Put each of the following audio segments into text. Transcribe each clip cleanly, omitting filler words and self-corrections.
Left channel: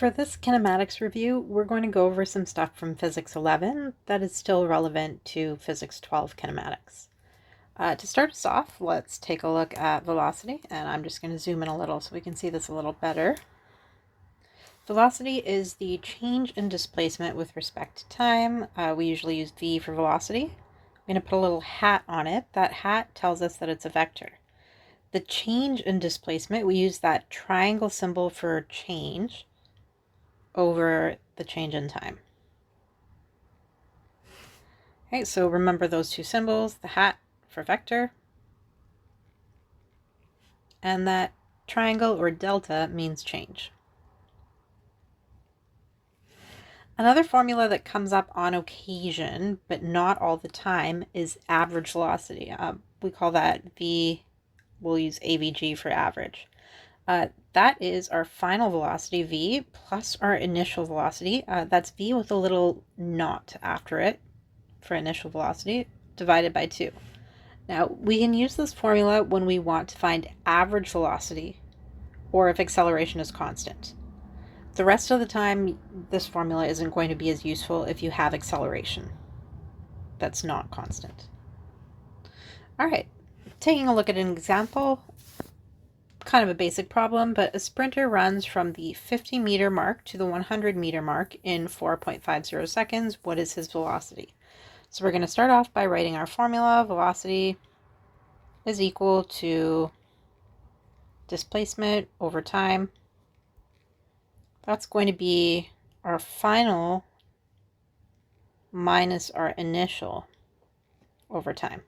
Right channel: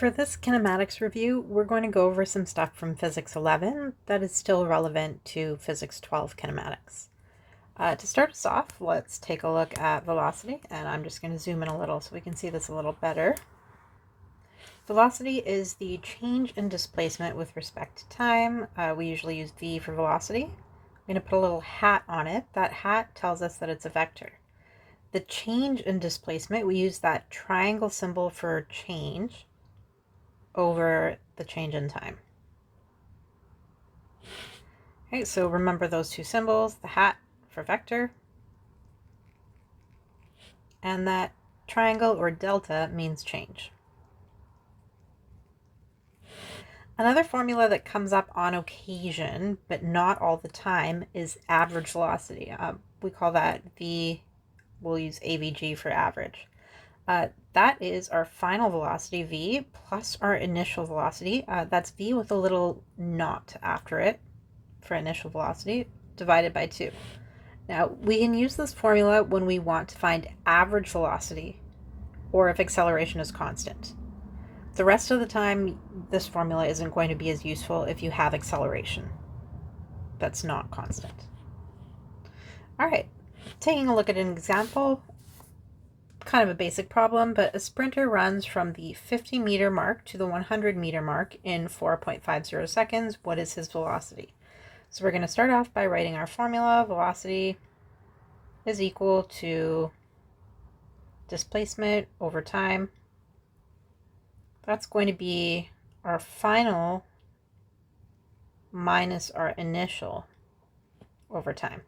For this kinematics review, we're going to go over some stuff from Physics 11 that is still relevant to Physics 12 kinematics. To start us off, let's take a look at velocity, and I'm just going to zoom in a little so we can see this a little better. Velocity is the change in displacement with respect to time. We usually use v for velocity. I'm going to put a little hat on it. That hat tells us that it's a vector. The change in displacement, we use that triangle symbol for change over the change in time. Okay, so remember those two symbols, the hat for vector, and that triangle or delta means change. Another formula that comes up on occasion, but not all the time, is average velocity. We call that V, we'll use AVG for average. That is our final velocity, v, plus our initial velocity. That's v with a little naught after it for initial velocity, divided by 2. Now, we can use this formula when we want to find average velocity or if acceleration is constant. The rest of the time, this formula isn't going to be as useful if you have acceleration that's not constant. All right, taking a look at an example, kind of a basic problem, but a sprinter runs from the 50-meter mark to the 100-meter mark in 4.50 seconds. What is his velocity? So we're going to start off by writing our formula. Velocity is equal to displacement over time. That's going to be our final minus our initial over time.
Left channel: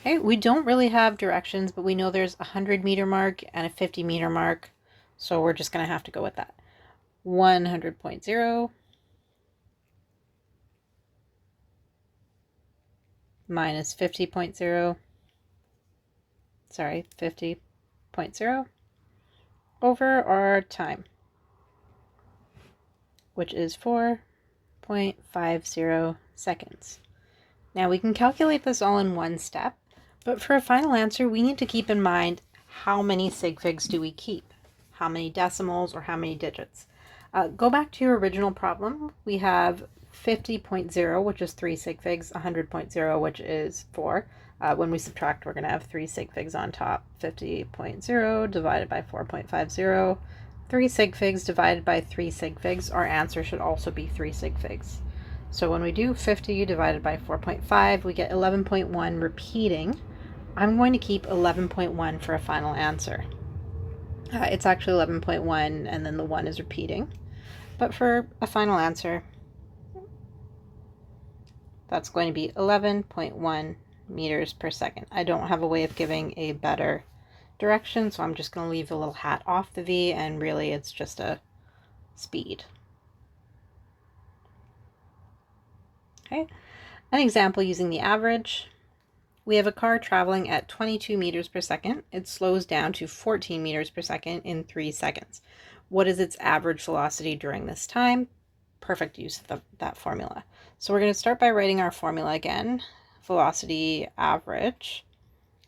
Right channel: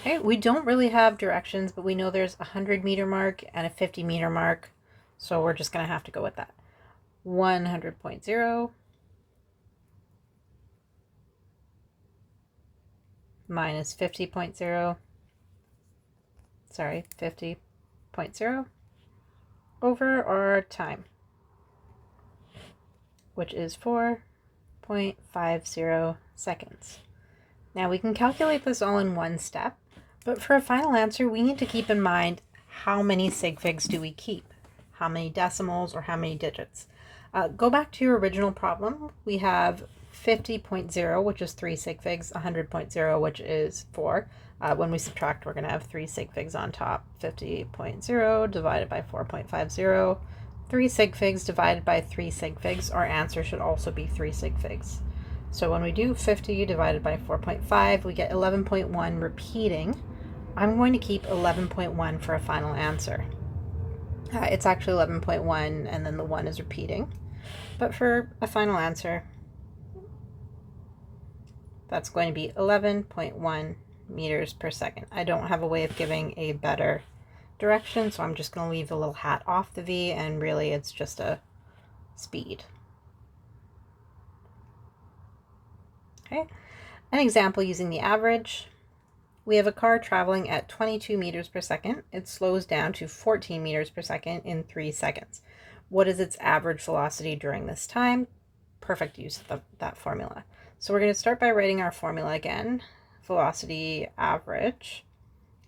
Okay, we don't really have directions, but we know there's a 100-meter mark and a 50-meter mark, so we're just going to have to go with that. 100.0 minus 50.0, sorry, 50.0 over our time, which is 4.50 seconds. Now we can calculate this all in one step, but for a final answer, we need to keep in mind how many sig figs do we keep, how many decimals or how many digits. Go back to your original problem. We have 50.0, which is 3 sig figs, 100.0, which is 4. When we subtract, we're going to have 3 sig figs on top. 50.0 divided by 4.50, 3 sig figs divided by 3 sig figs. Our answer should also be 3 sig figs. So when we do 50 divided by 4.5, we get 11.1 repeating. I'm going to keep 11.1 for a final answer. It's actually 11.1 and then the 1 is repeating. But for a final answer, that's going to be 11.1 meters per second. I don't have a way of giving a better direction, so I'm just going to leave the little hat off the V, and really it's just a speed. Okay, an example using the average. We have a car traveling at 22 meters per second. It slows down to 14 meters per second in 3 seconds. What is its average velocity during this time? Perfect use of that formula. So we're going to start by writing our formula again. Velocity average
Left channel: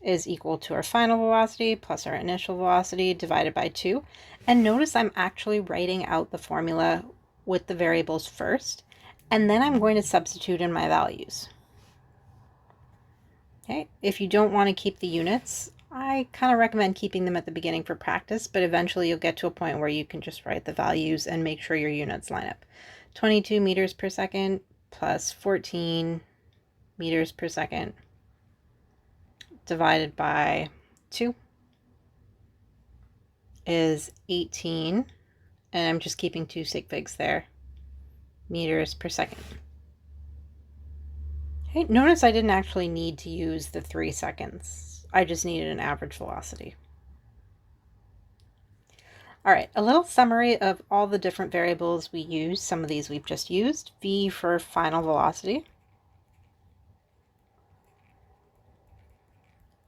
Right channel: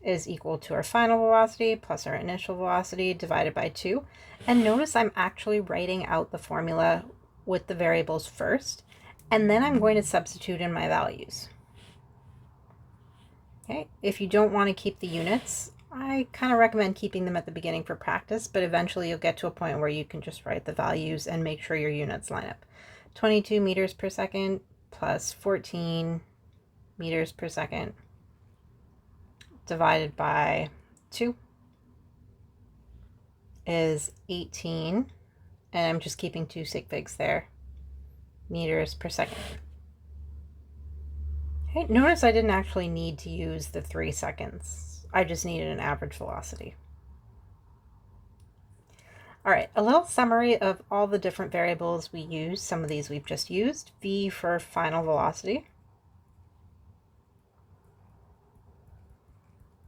is equal to our final velocity plus our initial velocity divided by 2. And notice I'm actually writing out the formula with the variables first, and then I'm going to substitute in my values. Okay, if you don't want to keep the units, I kind of recommend keeping them at the beginning for practice, but eventually you'll get to a point where you can just write the values and make sure your units line up. 22 meters per second plus 14 meters per second divided by 2 is 18, and I'm just keeping 2 sig figs there, meters per second. Okay, notice I didn't actually need to use the 3 seconds. I just needed an average velocity. All right, a little summary of all the different variables we use. Some of these we've just used. V for final velocity.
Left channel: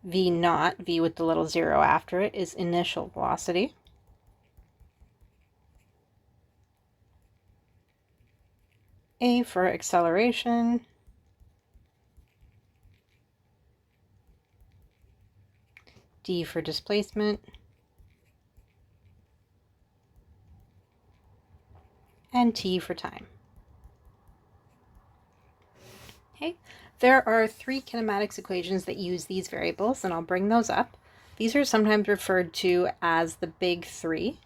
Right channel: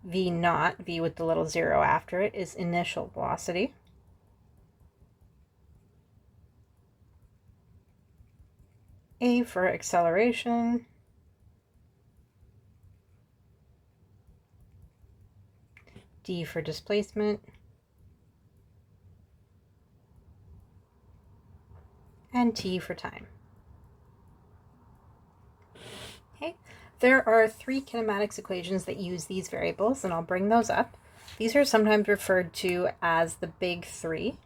V naught, V with the little 0 after it, is initial velocity. A for acceleration. D for displacement. and t for time. Okay, there are three kinematics equations that use these variables, and I'll bring those up. These are sometimes referred to as the big three.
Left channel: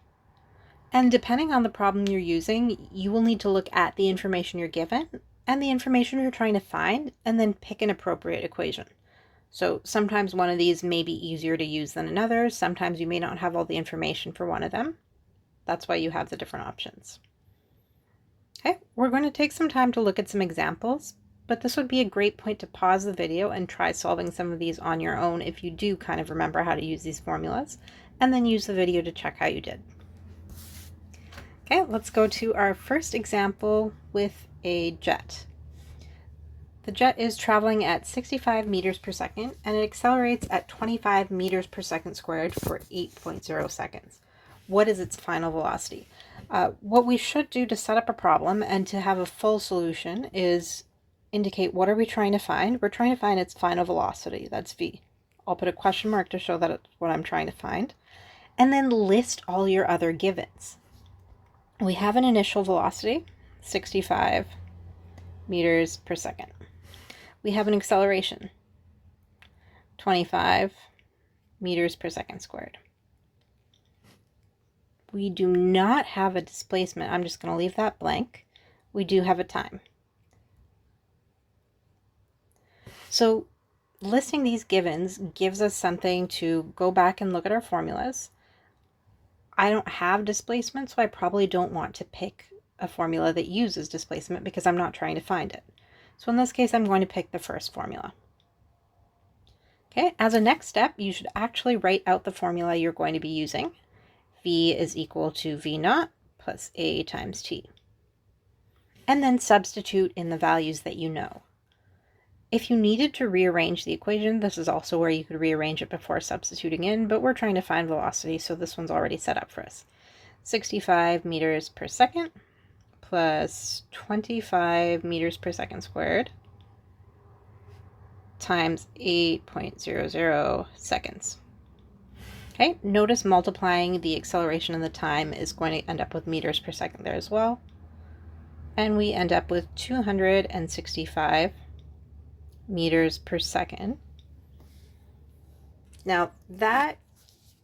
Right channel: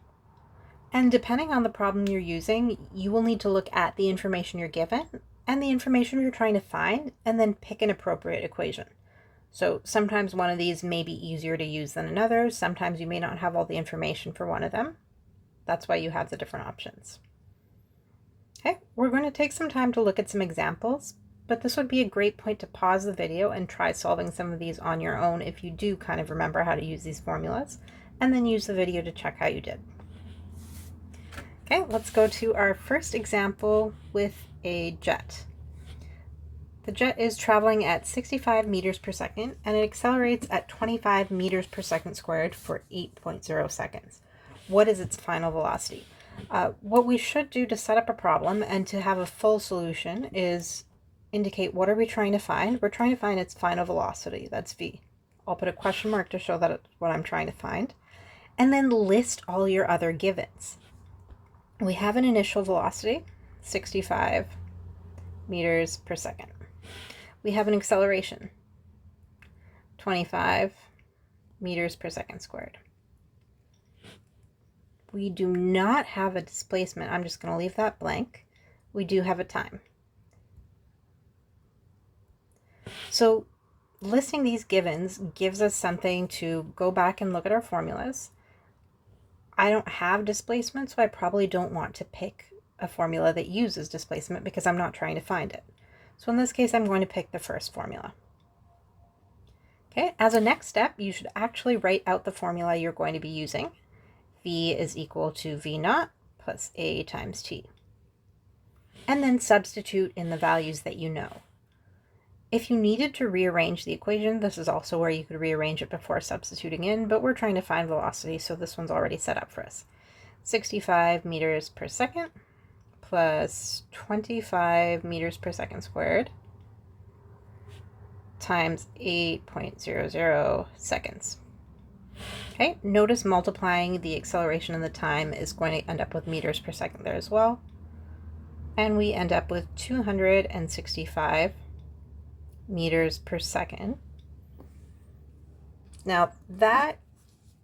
And depending on the problem you're using, you will need to look at the information you're given and the information you're trying to find, and then pick an appropriate equation. So sometimes one of these may be easier to use than another. Sometimes you may not have all the information for one of them. That's why you have the different options. Okay, we're going to take some time to look at some examples, but this would be a great point to pause the video and try solving some of these on your own if you do kind of remember how to use these formulas, and then use the video to check how you did. Okay, let's go to our first example with a jet. The jet is traveling at 65 meters per second, and it accelerates at 25 meters per second squared for 8.0 seconds. What is its final velocity? What we should do to set up a problem and to have a full solution is indicate what are we trying to find. We're trying to find its final velocity, that's v. I'll put a question mark to show that it's what I'm trying to find. And then list all your other givens. We have an initial velocity, 65 meters per second. We have an acceleration, 25 meters per second squared. We do not have a displacement. I'm just going to leave that blank. We do have a time. So listing these givens gives us something to go back and look at our formulas. I don't have displacement, so I probably don't want to pick a formula that uses displacement because I'm not trying to find it. So in this case, I'm going to pick the first formula. Okay, as a next step, you should actually write out the formula you're going to be using. V is equal to V naught plus A times T. And then substitute in the values that you know. If you needed to rearrange the equation, this is also where you could rearrange it before substituting in, but we're trying to find velocity, so this one's already set up for us. 65 meters per second plus 25 meters per second squared times 8.00 seconds. Okay, notice multiplying the acceleration and the time is going to end up with meters per second there as well. And we end up with 265 meters per second. Now that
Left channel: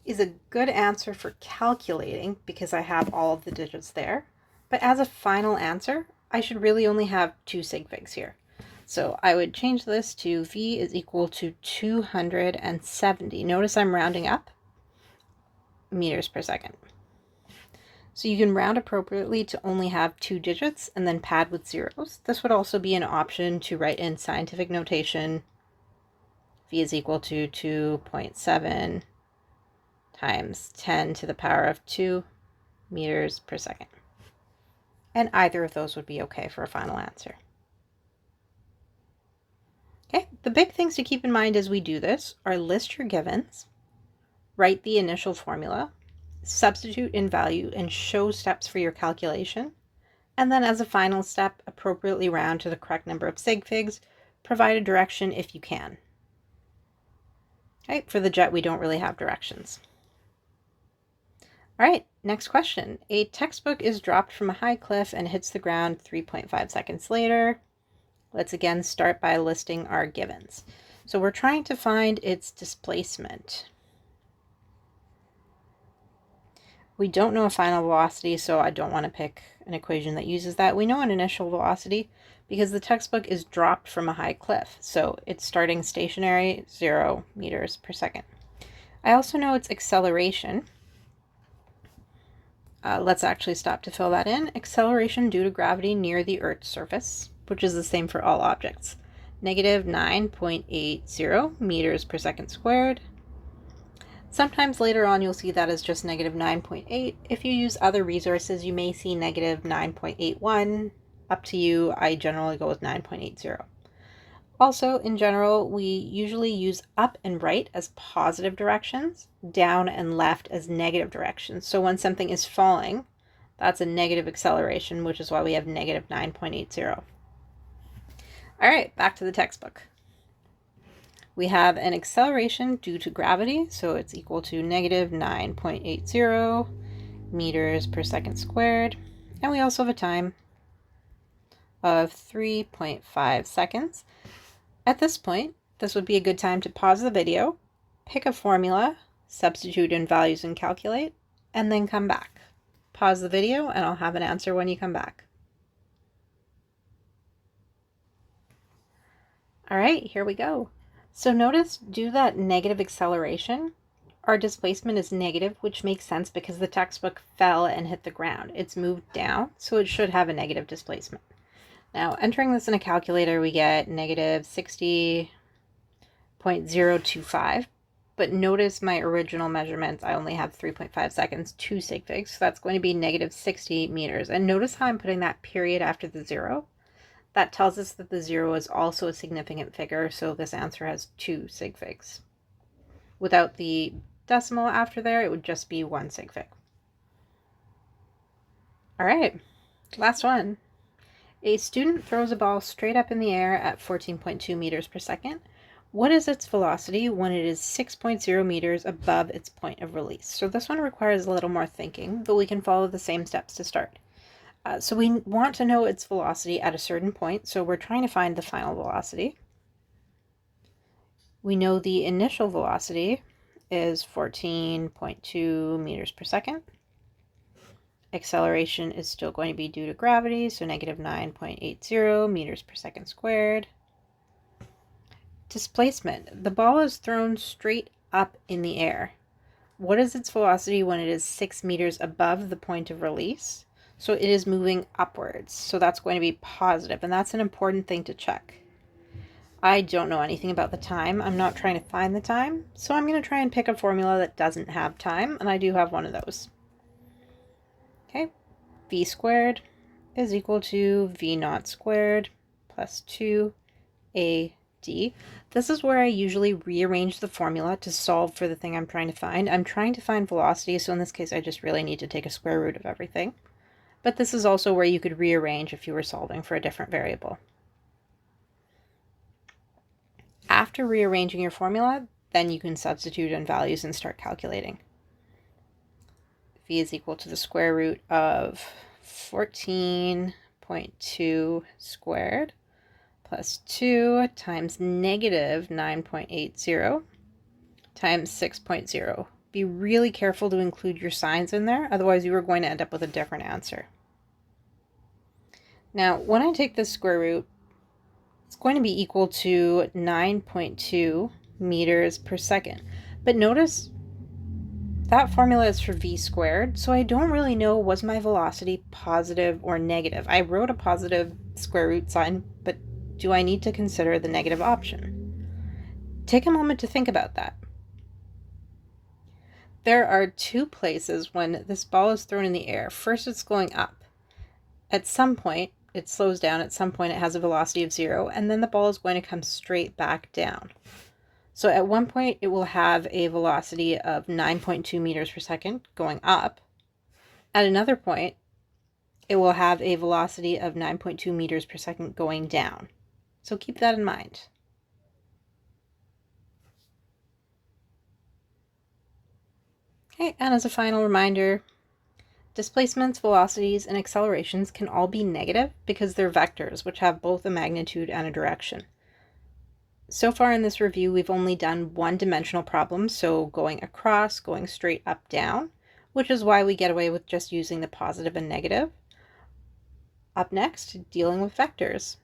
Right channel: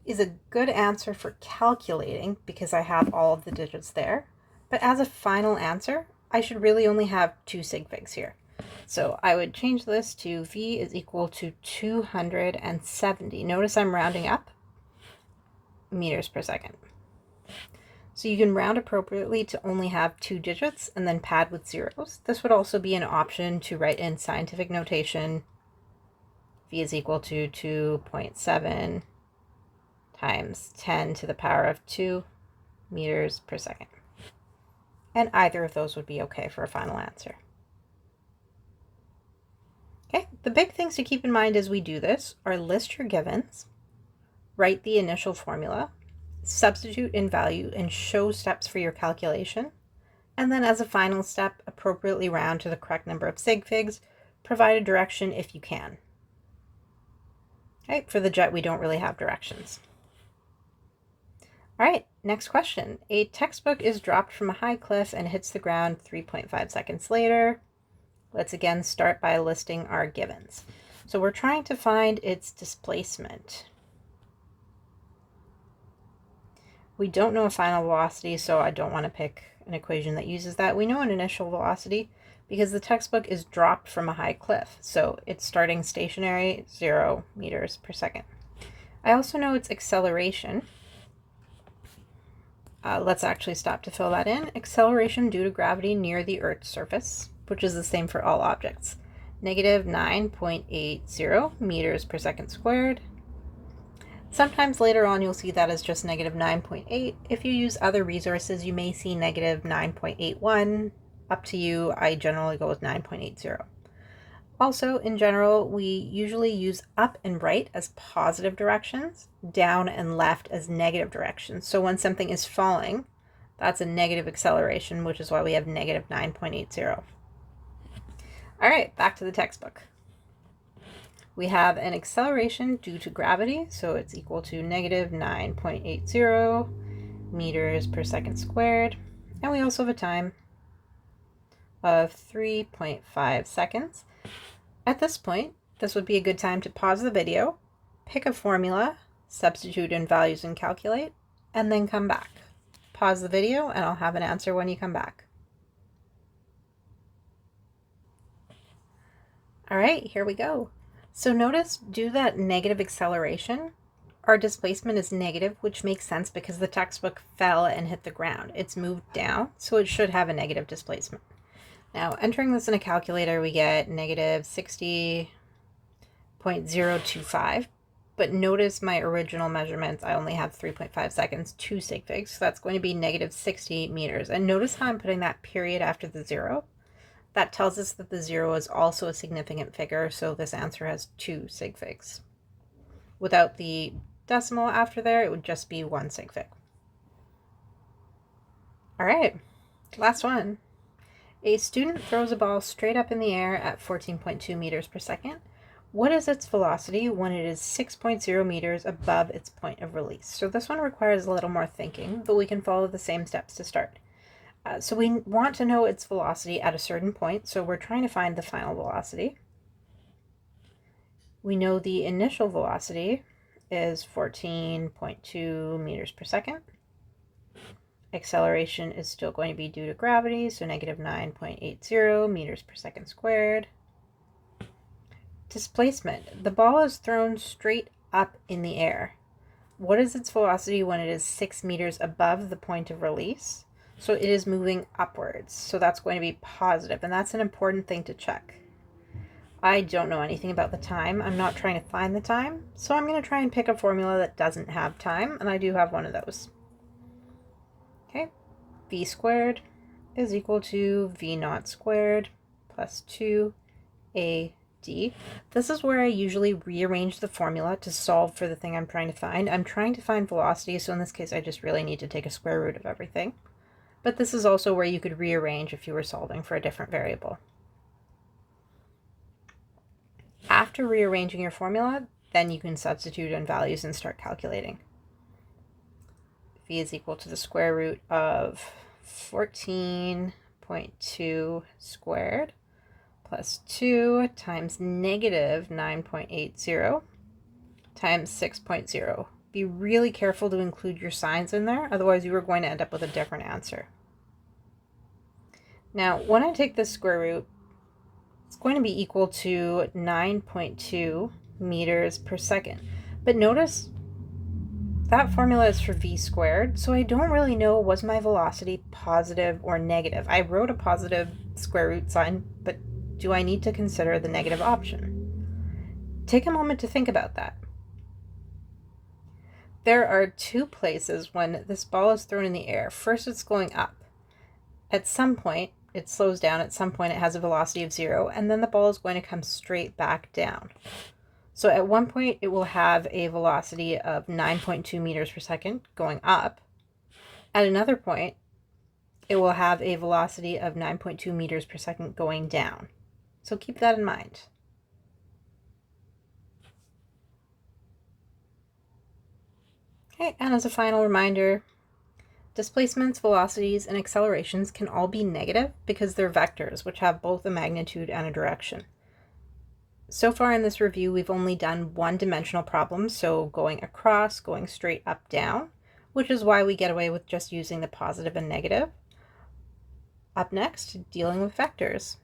is a good answer for calculating because I have all of the digits there, but as a final answer I should really only have two sig figs here. So I would change this to V is equal to 270. Notice I'm rounding up meters per second. So you can round appropriately to only have two digits and then pad with zeros. This would also be an option to write in scientific notation. V is equal to 2.7 times 10 to the power of 2 meters per second. And either of those would be okay for a final answer. Okay, the big things to keep in mind as we do this are list your givens, write the initial formula, substitute in value and show steps for your calculation, and then as a final step, appropriately round to the correct number of sig figs, provide a direction if you can. Okay, for the jet, we don't really have directions. All right, next question. A textbook is dropped from a high cliff and hits the ground 3.5 seconds later. Let's again start by listing our givens. So we're trying to find its displacement. We don't know a final velocity, so I don't want to pick an equation that uses that. We know an initial velocity because the textbook is dropped from a high cliff. So it's starting stationary, 0 meters per second. I also know its acceleration. Let's actually stop to fill that in. Acceleration due to gravity near the Earth's surface, which is the same for all objects. Negative 9.80 meters per second squared. Sometimes later on you'll see that as just negative 9.8. If you use other resources, you may see negative 9.81. Up to you. I generally go with 9.80. Also, in general, we usually use up and right as positive directions, down and left as negative directions. So when something is falling, that's a negative acceleration, which is why we have negative 9.80. All right, back to the textbook. We have an acceleration due to gravity, so it's equal to negative 9.80 meters per second squared. And we also have a time of 3.5 seconds. At this point, this would be a good time to pause the video, pick a formula, substitute in values and calculate, and then come back. Pause the video and I'll have an answer when you come back. All right, here we go. So notice, due to that negative acceleration, our displacement is negative, which makes sense because the textbook fell and hit the ground. It's moved down, so it should have a negative displacement. Now, entering this in a calculator, we get negative 60.025. But notice my original measurements, I only have 3.5 seconds, 2 sig figs, so that's going to be negative 60 meters. And notice how I'm putting that period after the 0. That tells us that the 0 is also a significant figure, so this answer has 2 sig figs. Without the decimal after there, it would just be 1 sig fig. All right, last one. A student throws a ball straight up in the air at 14.2 meters per second. What is its velocity when it is 6.0 meters above its point of release? So this one requires a little more thinking, but we can follow the same steps to start. So we want to know its velocity at a certain point, so we're trying to find the final velocity. We know the initial velocity is 14.2 meters per second. Acceleration is still going to be due to gravity, so negative 9.80 meters per second squared. Displacement. The ball is thrown straight up in the air. What is its velocity when it is 6 meters above the point of release? So it is moving upwards, so that's going to be positive, and that's an important thing to check. I don't know anything about the time. I'm not trying to find the time, so I'm going to try and pick a formula that doesn't have time, and I do have one of those. Okay, v squared is equal to v naught squared plus 2ad. This is where I usually rearrange the formula to solve for the thing I'm trying to find. I'm trying to find velocity, so in this case I just really need to take a square root of everything. But this is also where you could rearrange if you were solving for a different variable. After rearranging your formula, then you can substitute in values and start calculating. V is equal to the square root of 14.2 squared plus 2 times negative 9.80 times 6.0. Be really careful to include your signs in there, otherwise you are going to end up with a different answer. Now, when I take this square root, it's going to be equal to 9.2 meters per second. But notice that formula is for v squared, so I don't really know, was my velocity positive or negative? I wrote a positive square root sign, but do I need to consider the negative option? Take a moment to think about that. There are two places when this ball is thrown in the air. First, it's going up. At some point, it slows down. At some point, it has a velocity of 0, and then the ball is going to come straight back down. So at one point, it will have a velocity of 9.2 meters per second going up. At another point, it will have a velocity of 9.2 meters per second going down. So keep that in mind. Okay, and as a final reminder, displacements, velocities, and accelerations can all be negative because they're vectors, which have both a magnitude and a direction. So far in this review, we've only done one-dimensional problems, so going across, going straight up, down, which is why we get away with just using the positive and negative. Up next, dealing with vectors.